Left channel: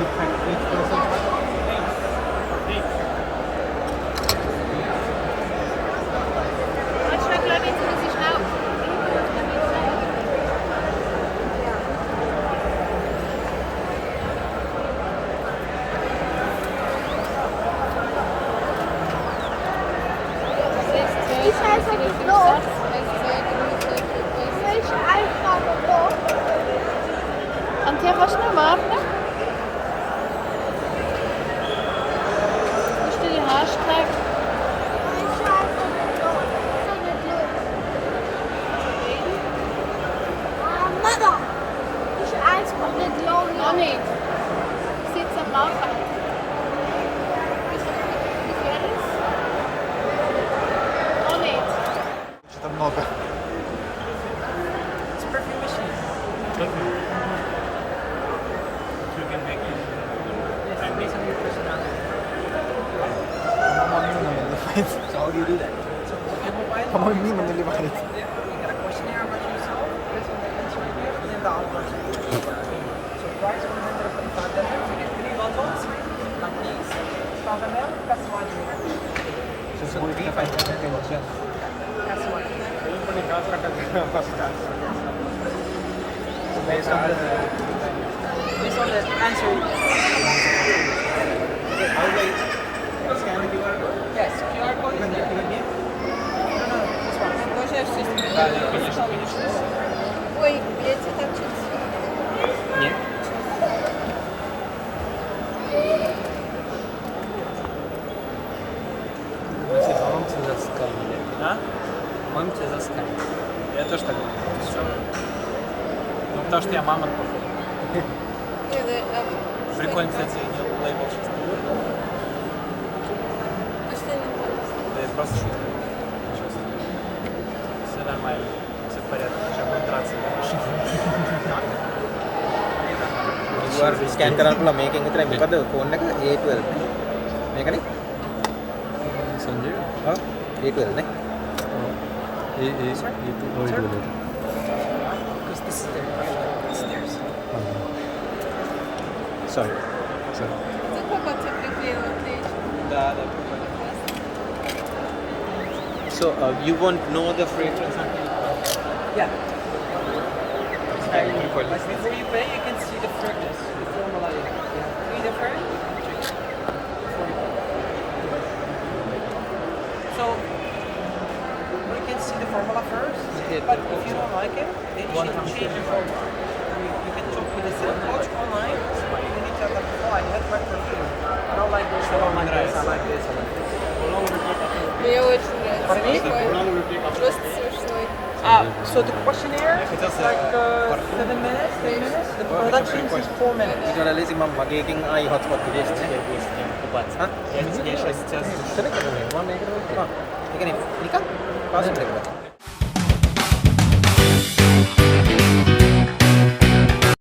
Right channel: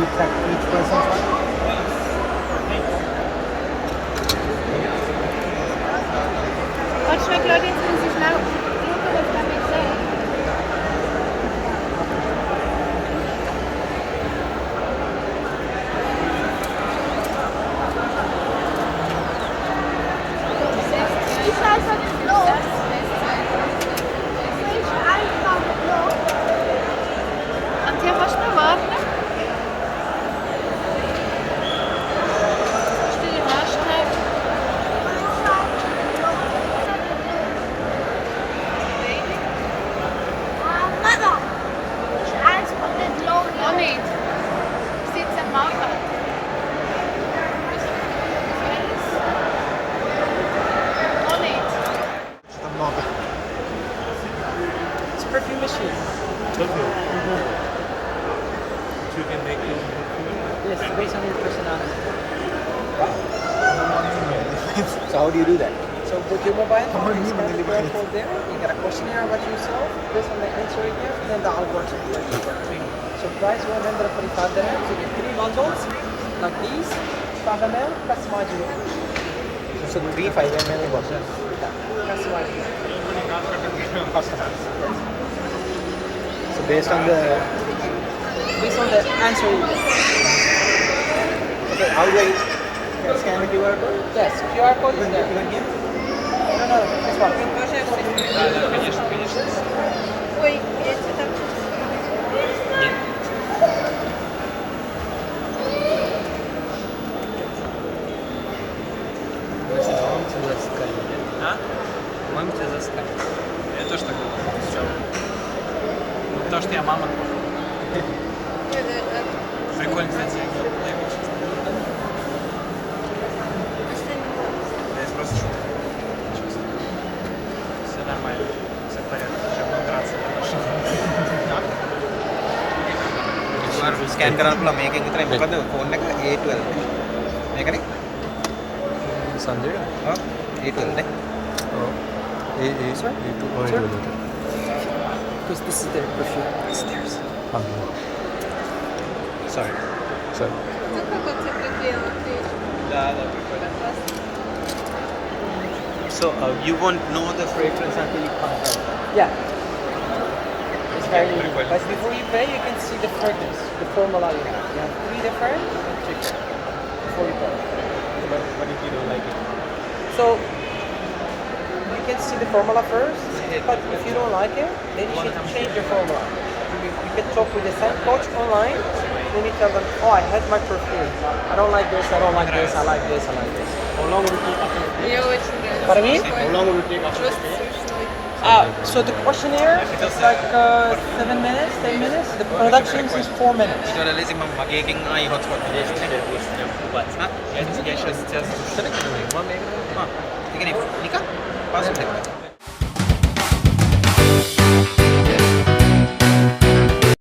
you track each person's Podes ver que alguém te diz não. Antia masz na barwę? Cztery masz, tak? Mama, ich als mit Lohn. Ou nem? Precisa ser marca? Ou nem? много. It's a perfume machine. You can make it. Yes, based on your personality. So how do you do that? So with your mobile How phone, do you you mean scan the deliver QR it? code there, you get a questionnaire about yourself, this one the answer right there, and then the algorithm. So price 145 there. So you get 3 bottles, like these, stop them out, customize your watch. It's a 3 5 ml boxes. Customize your First chance. So based on the based on the answer you how do I scan the QR code? yes, QR code is Even there. here? No, this one. Да, да, конечно, конечно. Oi, esse tá Нет. Да? Я тоже так думаю. Потому что я мама. Прикольно, кстати. Я просто шутка. Честно. Все нормально. Все в порядке. Уже буду драться на машине. QR scan කරන්න පුළුවන් මේකෙන් විතරයි මොකද phone එක A12 මේකනේ Sanjay? ඔව් A12 නේ Oh, A2 or A2 later. Because this is their perfume. It's theirs. sorry Sorry. Да, да, прикольно. so you won't know the fragrance until it comes out Yeah. Прикольно. But before you pay, you can see the fragrance, the formula you have. You have 3 different. Check. Before you pay. what if you don't like it So you can see the formula first, but if you don't like it, then you need to change the formula. You can talk with the same coach online. You need to have oh, I hate my perfume. I don't like this, I don't like this, I like this, I like this. How long will it take after? Мне очень нравится. What I mean? how long will it take after Просто смешной. So the questionnaire is like 7 minutes, 10 minutes. The production is 4 minutes. ඊට වඩා ලේසි මම මගේ එකෙන් ආයි hotspot දෙන්නේ ඈ Я сейчас тебя слушаю. select කරුවේ මම මේකට ඒ කියන්නේ නිකන් පාස්වර්ඩ් එක